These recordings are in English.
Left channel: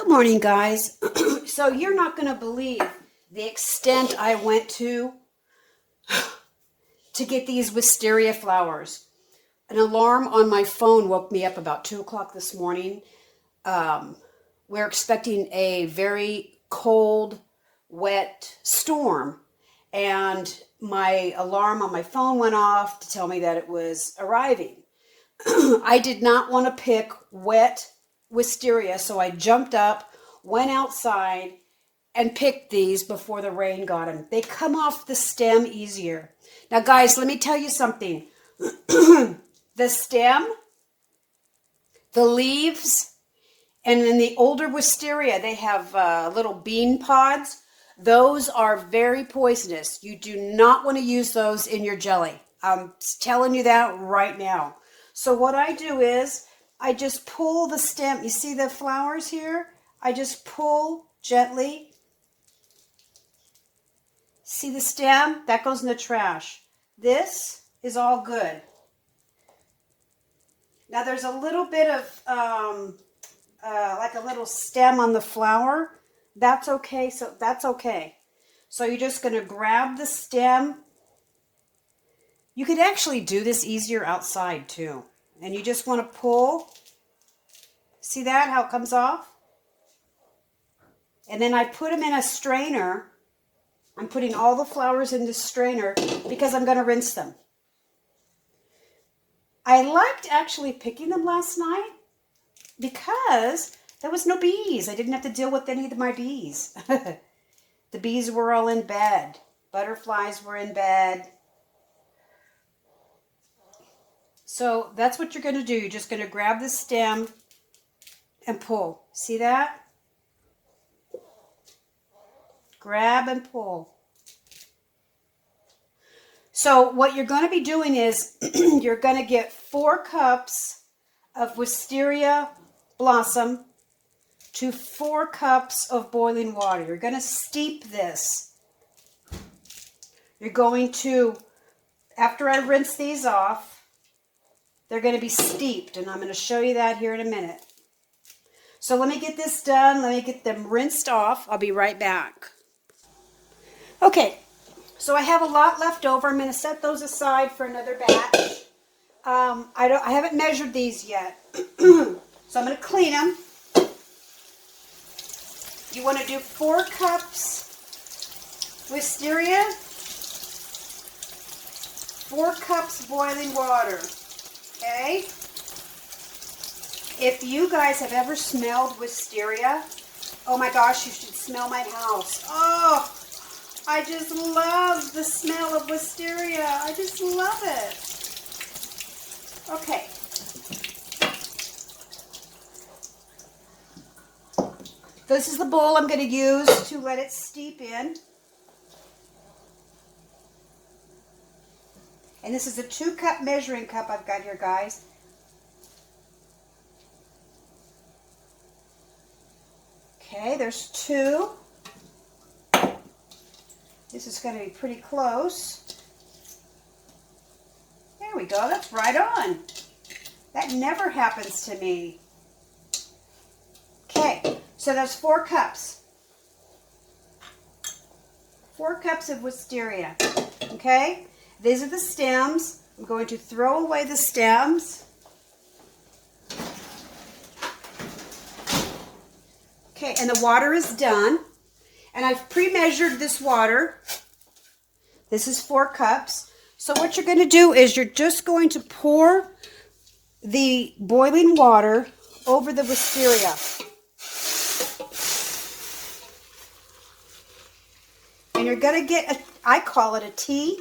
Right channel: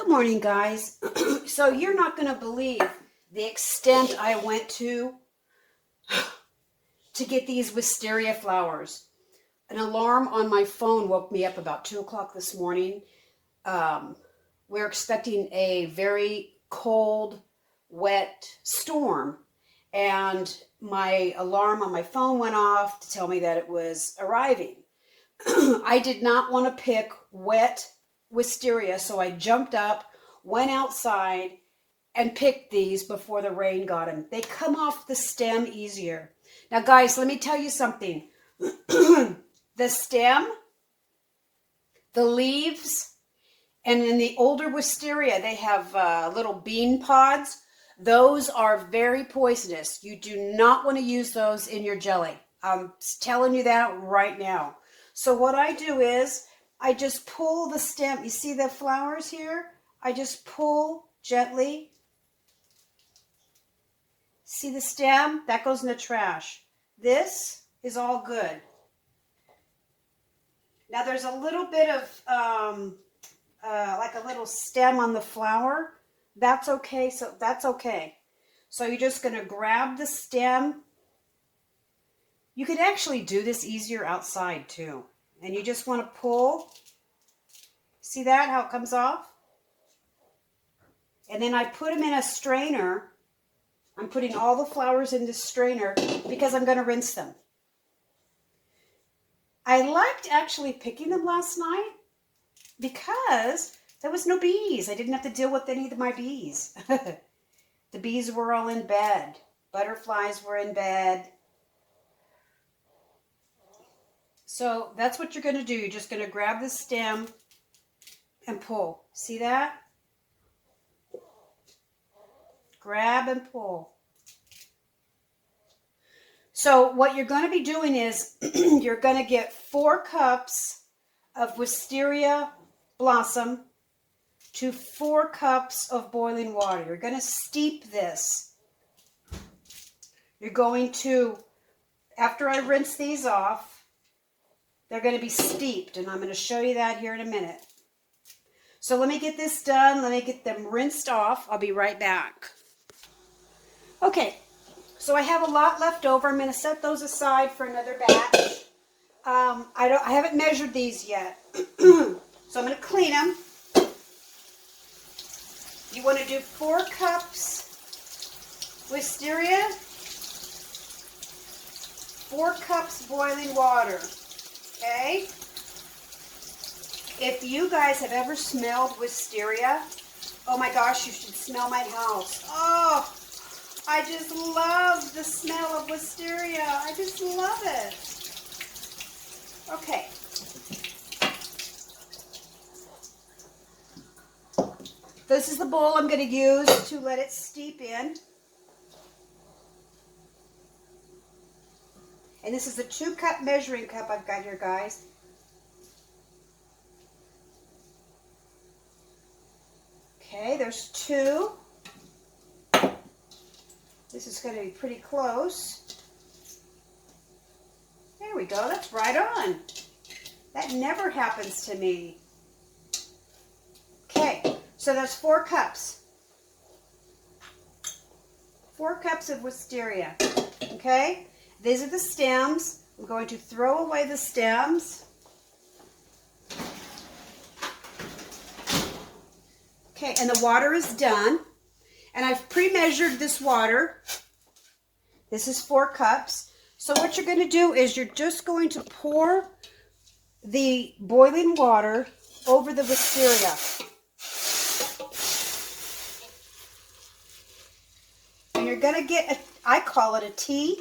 Good morning, guys. So you're not going to believe the extent I went to get these wisteria flowers. An alarm on my phone woke me up about 2 o'clock this morning. We're expecting a very cold, wet storm, and my alarm on my phone went off to tell me that it was arriving. I did not want to pick wet wisteria, so I jumped up, went outside, and picked these before the rain got them. They come off the stem easier. Now, guys, let me tell you something. The stem, the leaves, and in the older wisteria, they have little bean pods. Those are very poisonous. You do not want to use those in your jelly. I'm telling you that right now. So what I do is I just pull the stem. You see the flowers here? I just pull gently. See the stem? That goes in the trash. This is all good. Now there's a little bit of like a little stem on the flower. That's okay. So that's okay. So you're just going to grab the stem. You could actually do this easier outside too. And you just want to pull. See that, how it comes off? And then I put them in a strainer. I'm putting all the flowers in this strainer because I'm going to rinse them. I liked actually picking them last night because there was no bees. I didn't have to deal with any of my bees. The bees were all in bed. Butterflies were in bed. So that's what you're going to do. You're just going to grab the stem and pull. See that? Grab and pull. So what you're going to be doing is you're going to get 4 cups of wisteria blossom to 4 cups of boiling water. You're going to steep this. You're going to, after I rinse these off, they're going to be steeped, and I'm going to show you that here in a minute. So let me get this done. Let me get them rinsed off. I'll be right back. Okay, so I have a lot left over. I'm going to set those aside for another batch. I haven't measured these yet, so I'm going to clean them. You want to do 4 cups wisteria, 4 cups boiling water. Okay? If you guys have ever smelled wisteria, oh my gosh, you should smell my house. Oh, I just love the smell of wisteria. I just love it. Okay. This is the bowl I'm going to use to let it steep in. And this is a 2-cup measuring cup I've got here, guys. Okay, there's 2. This is going to be pretty close. There we go. That's right on. That never happens to me. Okay, so that's 4 cups. 4 cups of wisteria. Okay? These are the stems. I'm going to throw away the stems. Okay, and the water is done. And I've pre-measured this water. This is 4 cups. So what you're going to do is you're just going to pour the boiling water over the wisteria. And you're going to get, I call it a tea.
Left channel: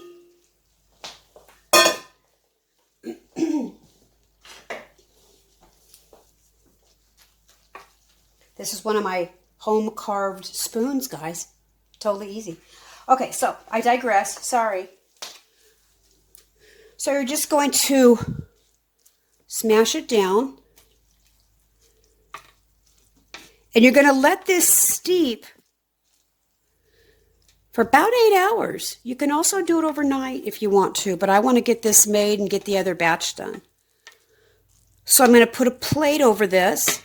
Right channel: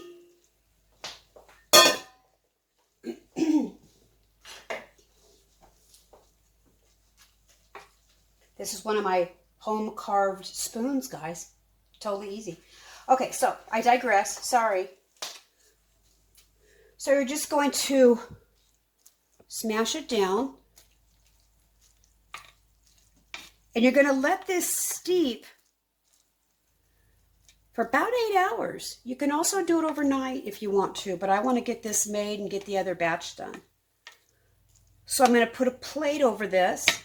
This is one of my home carved spoons, guys. Totally easy. Okay, so I digress. Sorry. So you're just going to smash it down. And you're going to let this steep for about 8 hours. You can also do it overnight if you want to, but I want to get this made and get the other batch done. So I'm going to put a plate over this.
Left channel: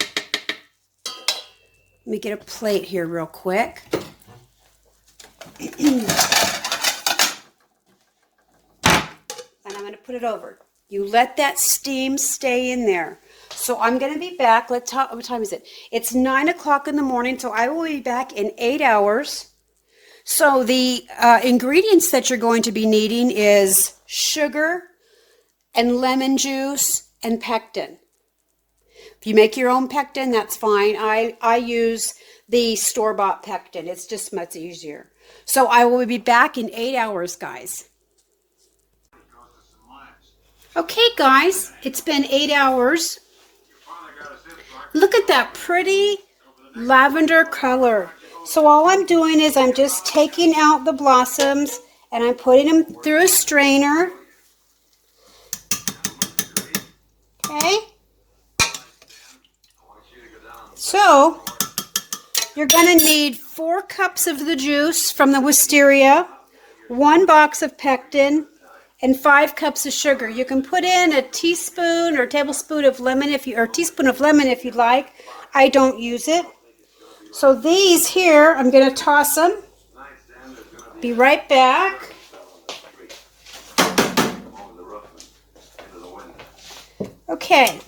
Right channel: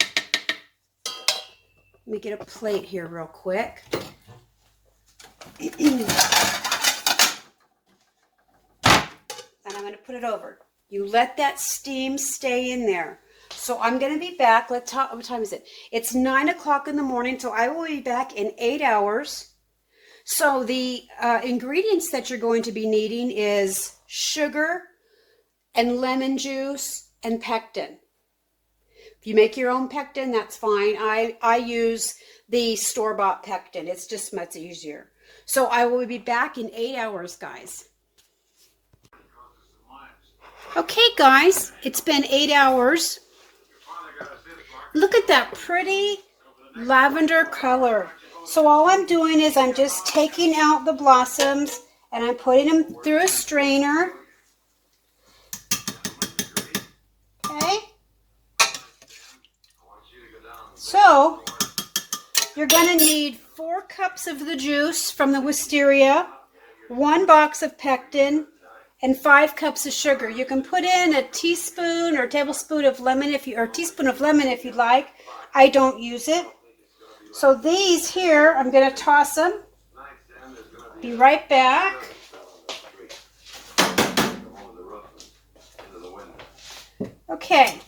Let me get a plate here real quick. And I'm going to put it over. You let that steam stay in there. So I'm going to be back. What time is it? It's 9 o'clock in the morning, so I will be back in 8 hours. So the ingredients that you're going to be needing is sugar and lemon juice and pectin. If you make your own pectin, that's fine. I use the store-bought pectin. It's just much easier. So I will be back in 8 hours, guys. Okay, guys, it's been 8 hours. Look at that pretty lavender color. So all I'm doing is I'm just taking out the blossoms and I'm putting them through a strainer. Okay. So you're going to need 4 cups of the juice from the wisteria, 1 box of pectin, and 5 cups of sugar. You can put in a teaspoon or tablespoon of lemon or teaspoon of lemon if you'd like. I don't use it. So these here, I'm going to toss them. Be right back. Okay.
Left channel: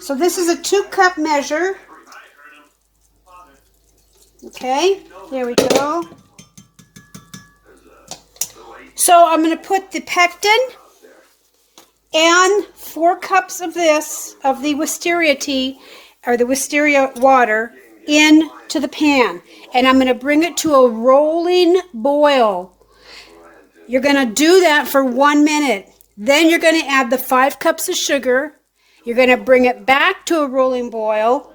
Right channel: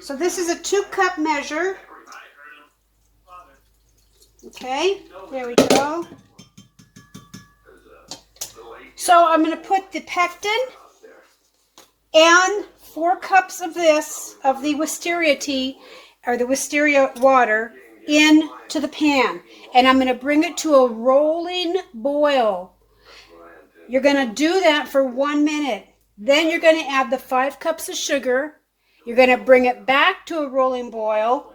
So this is a 2-cup measure. Okay, there we go. So I'm going to put the pectin and 4 cups of the wisteria tea, or the wisteria water, into the pan. And I'm going to bring it to a rolling boil. You're going to do that for 1 minute. Then you're going to add the 5 cups of sugar. You're going to bring it back to a rolling boil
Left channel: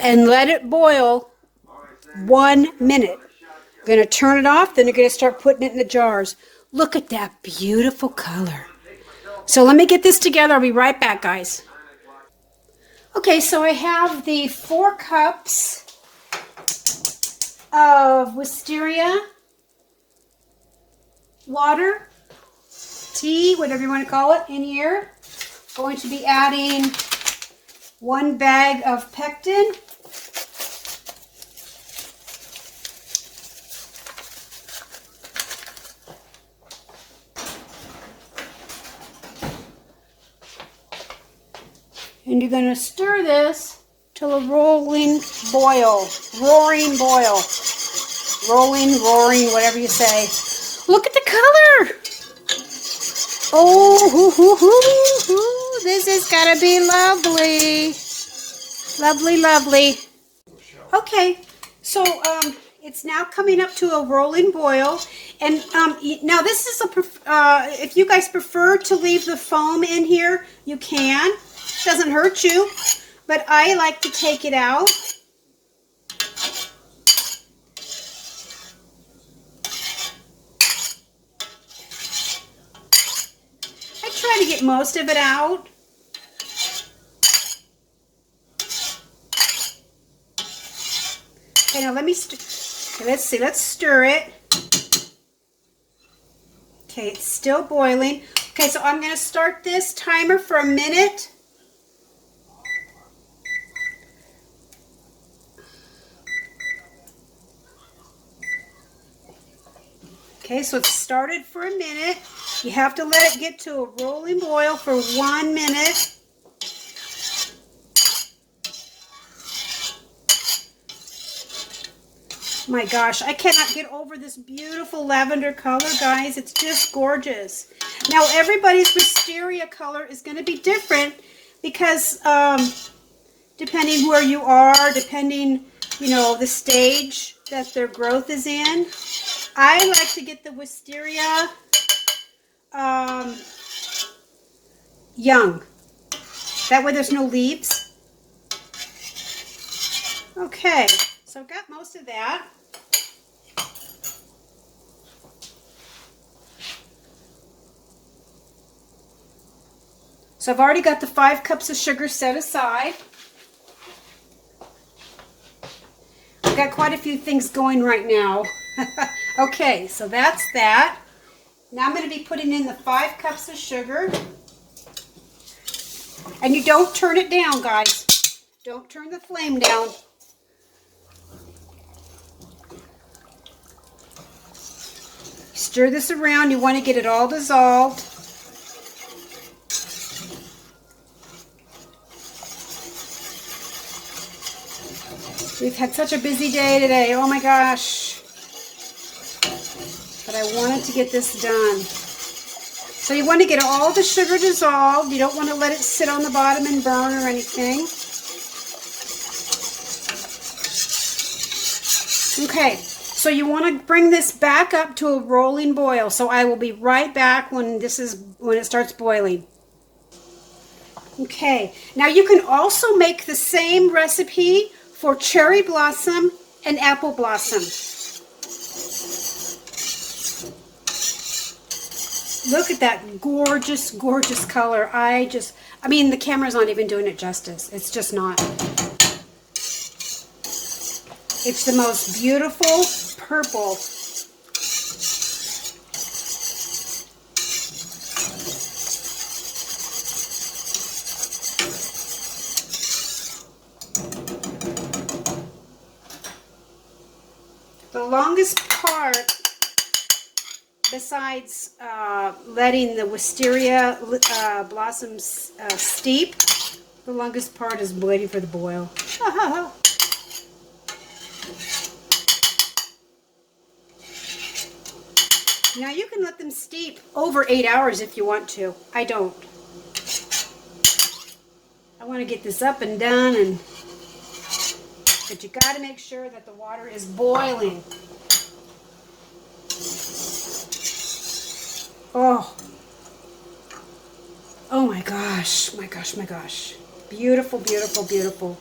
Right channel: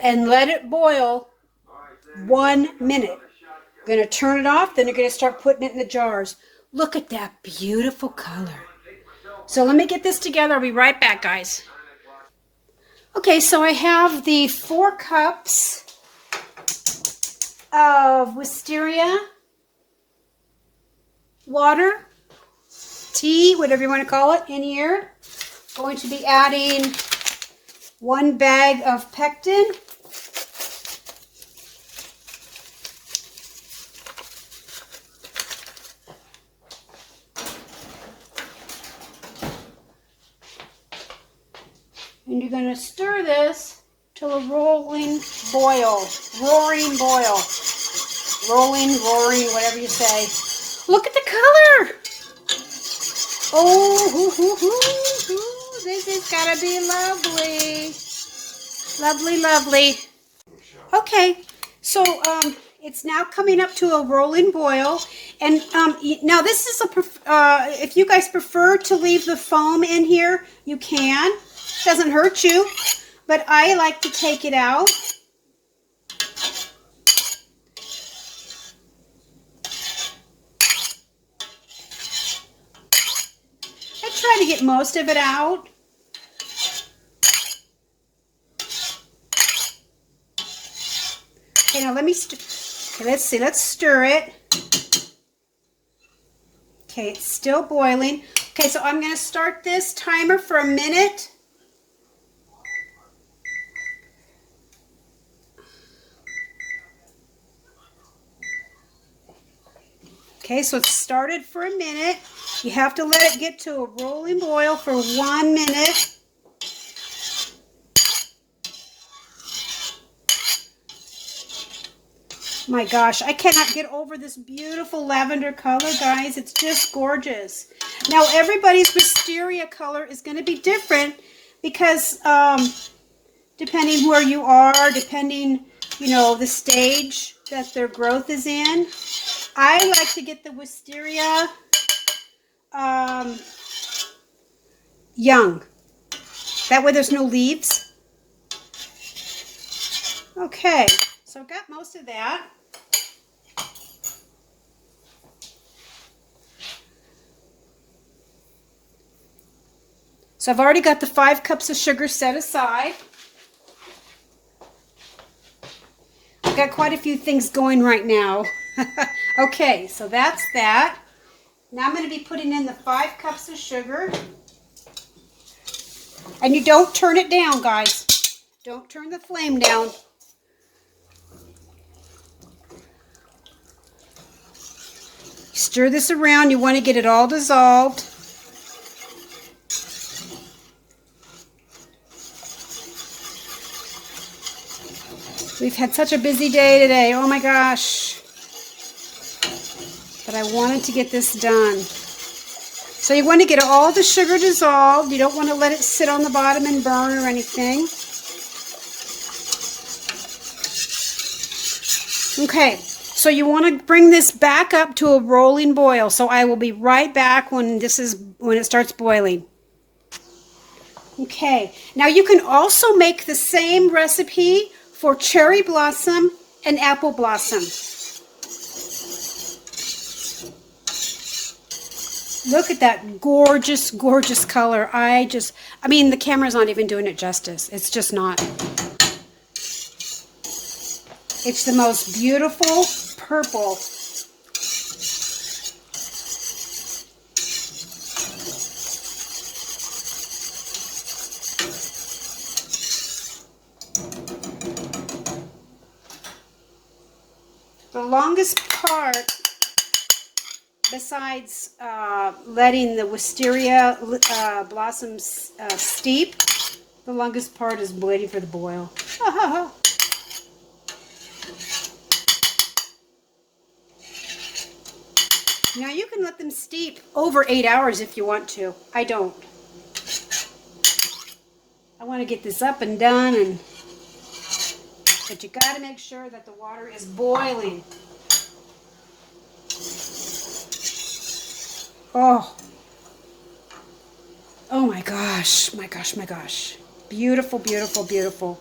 and let it boil 1 minute. You're going to turn it off, then you're going to start putting it in the jars. Look at that beautiful color. So let me get this together. I'll be right back, guys. Okay, so I have the 4 cups of wisteria water, tea, whatever you want to call it, in here. Going to be adding 1 bag of pectin. And you're going to stir this till a rolling boil. Roaring boil. Rolling, roaring, whatever you say. Look at the color. Oh, this is going to be lovely. Lovely, lovely. Okay, so it's now coming up to a rolling boil. And now this is if you guys prefer to leave the foam in here, you can. Doesn't hurt you, but I like to take it out. I try to get most of it out. Okay, now let me let's see, let's stir it. Okay, it's still boiling. Okay, so I'm going to start this timer for a minute. Okay, so it's started for a minute. You have to let it get to a rolling boil for 1 minute. My gosh, I cannot get over this beautiful lavender color, guys. It's just gorgeous. Now, everybody's wisteria color is going to be different because depending where you are, depending, you know, the stage that their growth is in. I like to get the wisteria young. That way there's no leaves. Okay, so I've got most of that. So I've already got the 5 cups of sugar set aside. I've got quite a few things going right now. Okay, so that's that. Now I'm going to be putting in the 5 cups of sugar. And you don't turn it down, guys. Don't turn the flame down. stir this around. You want to get it all dissolved. We've had such a busy day today. Oh my gosh. But I wanted to get this done. So you want to get all the sugar dissolved. You don't want to let it sit on the bottom and burn or anything. Okay, so you want to bring this back up to a rolling boil. So I will be right back when it starts boiling. Okay, now you can also make the same recipe for cherry blossom and apple blossom. Look at that gorgeous, gorgeous color. I mean, the camera's not even doing it justice. It's just not. It's the most beautiful purple. The longest part, besides letting the wisteria blossoms steep, the longest part is waiting for the boil. Now you can let them steep over 8 hours if you want to. I don't. I want to get this up and done, but you got to make sure that the water is boiling. Oh my gosh, my gosh, my gosh. Beautiful, beautiful, beautiful.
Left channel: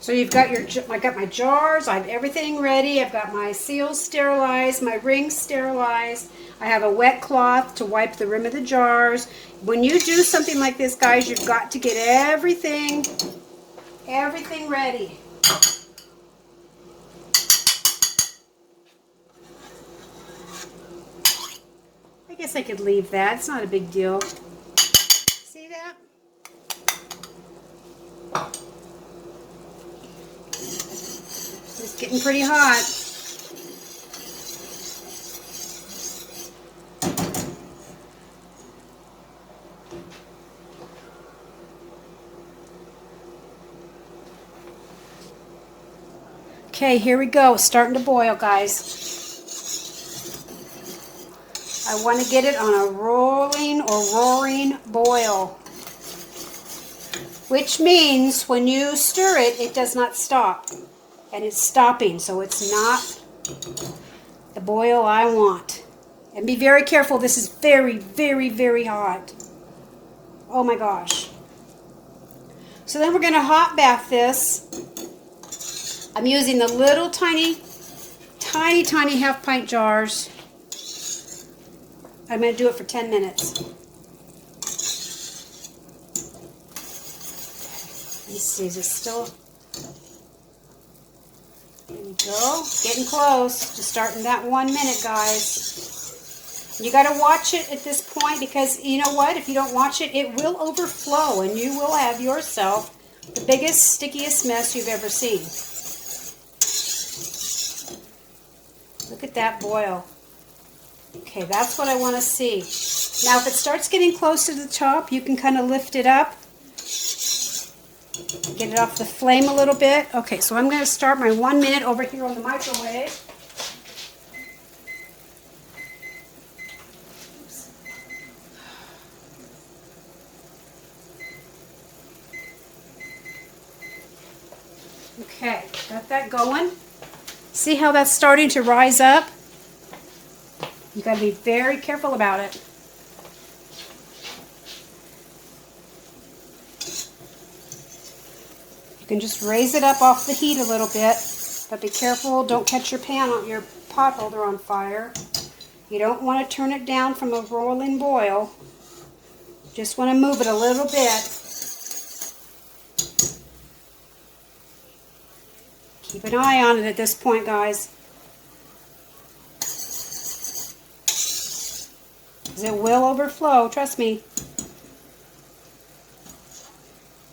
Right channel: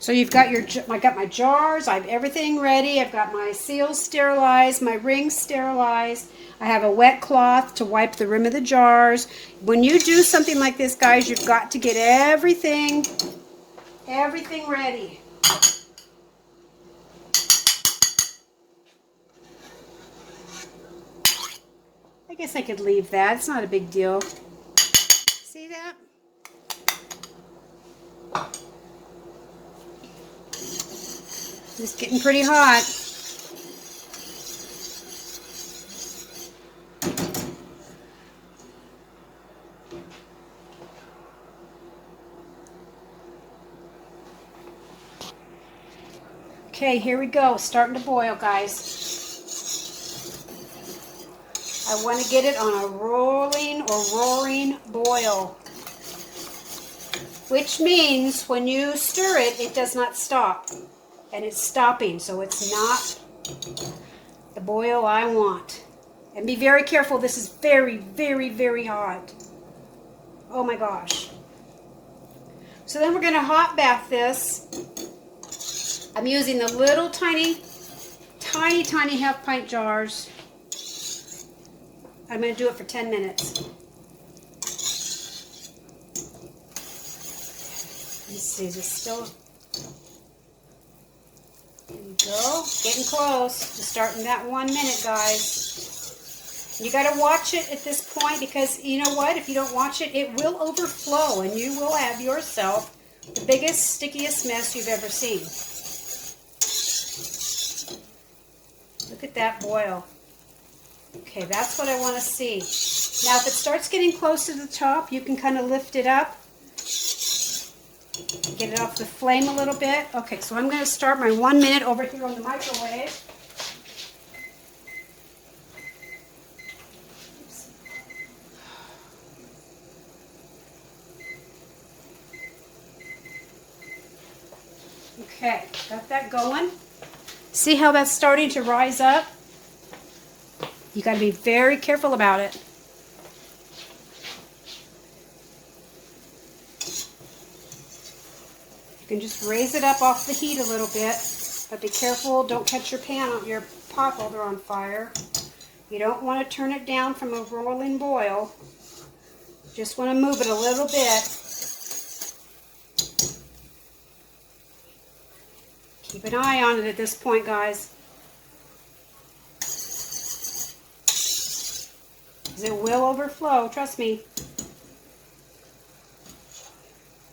So you've got I got my jars, I have everything ready. I've got my seals sterilized, my rings sterilized. I have a wet cloth to wipe the rim of the jars. When you do something like this, guys, you've got to get everything ready. I guess I could leave that. It's not a big deal. See that? It's getting pretty hot. Okay, here we go. Starting to boil, guys. I want to get it on a rolling or roaring boil, which means when you stir it, it does not stop. And it's stopping, so it's not the boil I want. And be very careful. This is very, very, very hot. Oh my gosh. So then we're going to hot bath this. I'm using the little tiny half pint jars. I'm going to do it for 10 minutes. Let's see, is it still... There we go. Getting close to starting that 1 minute, guys. You got to watch it at this point because you know what? If you don't watch it, it will overflow and you will have yourself the biggest, stickiest mess you've ever seen. Look at that boil. Okay, that's what I want to see. Now, if it starts getting close to the top, you can kind of lift it up. Get it off the flame a little bit. Okay, so I'm going to start my 1 minute over here on the microwave. Oops. Okay, got that going. See how that's starting to rise up? You got to be very careful about it. You can just raise it up off the heat a little bit, but be careful, don't catch your pot holder on fire. You don't want to turn it down from a rolling boil. Just want to move it a little bit. Keep an eye on it at this point, guys. It will overflow, trust me.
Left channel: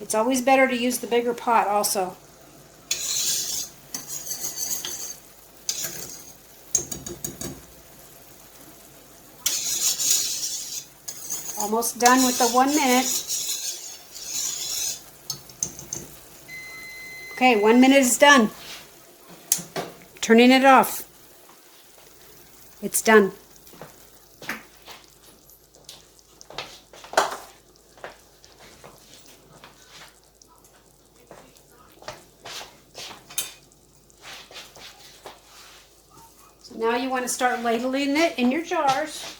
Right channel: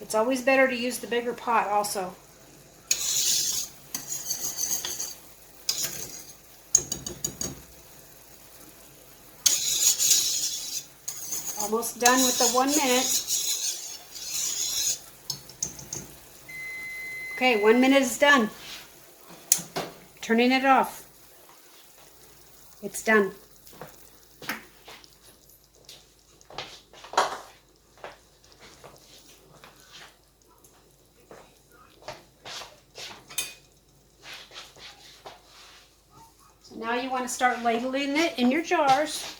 It's always better to use the bigger pot also. Almost done with the 1 minute. Okay, 1 minute is done. Turning it off. It's done. So now you want to start ladling it in your jars.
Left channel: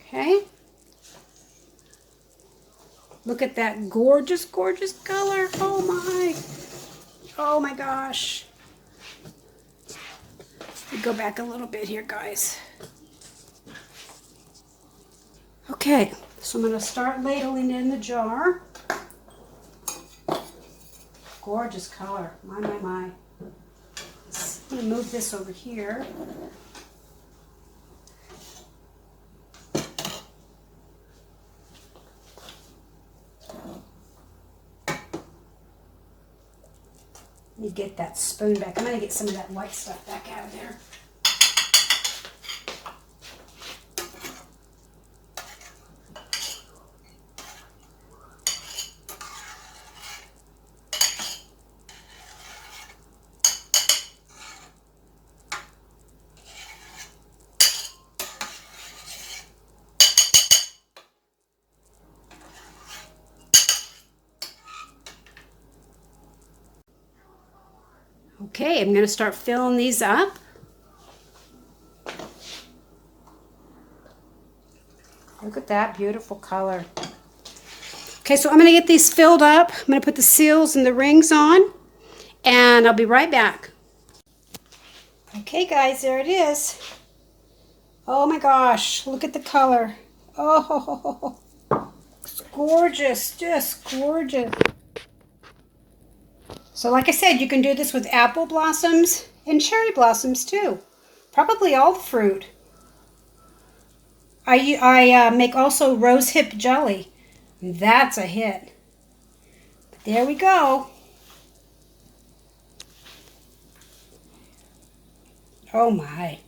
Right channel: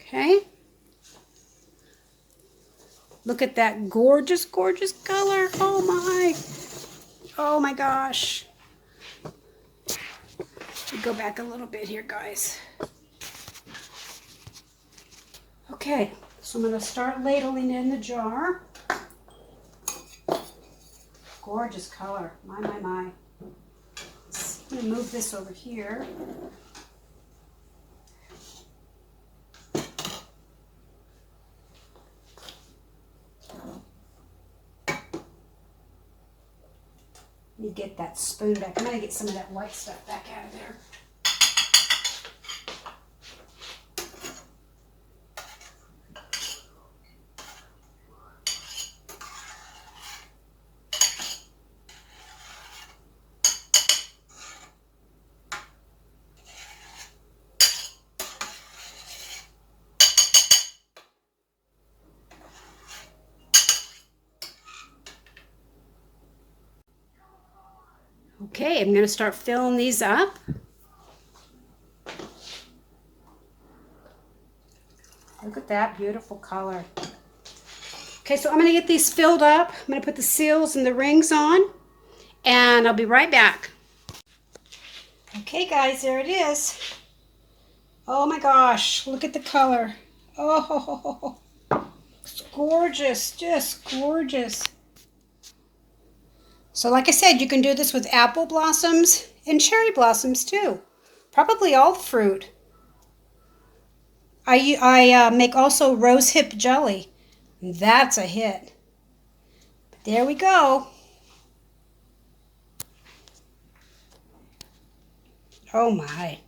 Okay. Look at that gorgeous, gorgeous color. Oh my. Oh my gosh. Should go back a little bit here, guys. Okay, so I'm going to start ladling it in the jar. Gorgeous color. My, my, my. I'm going to move this over here. Let me get that spoon back. I'm going to get some of that white stuff back out of there. Okay, I'm going to start filling these up. Look at that beautiful color. Okay, so I'm going to get these filled up. I'm going to put the seals and the rings on, and I'll be right back. Okay, guys, there it is. Oh my gosh, look at the color. Oh, it's gorgeous, just gorgeous. So like I said, you can do this with apple blossoms and cherry blossoms too. Probably all fruit. I make also rosehip jelly. That's a hit. But there we go. Oh my.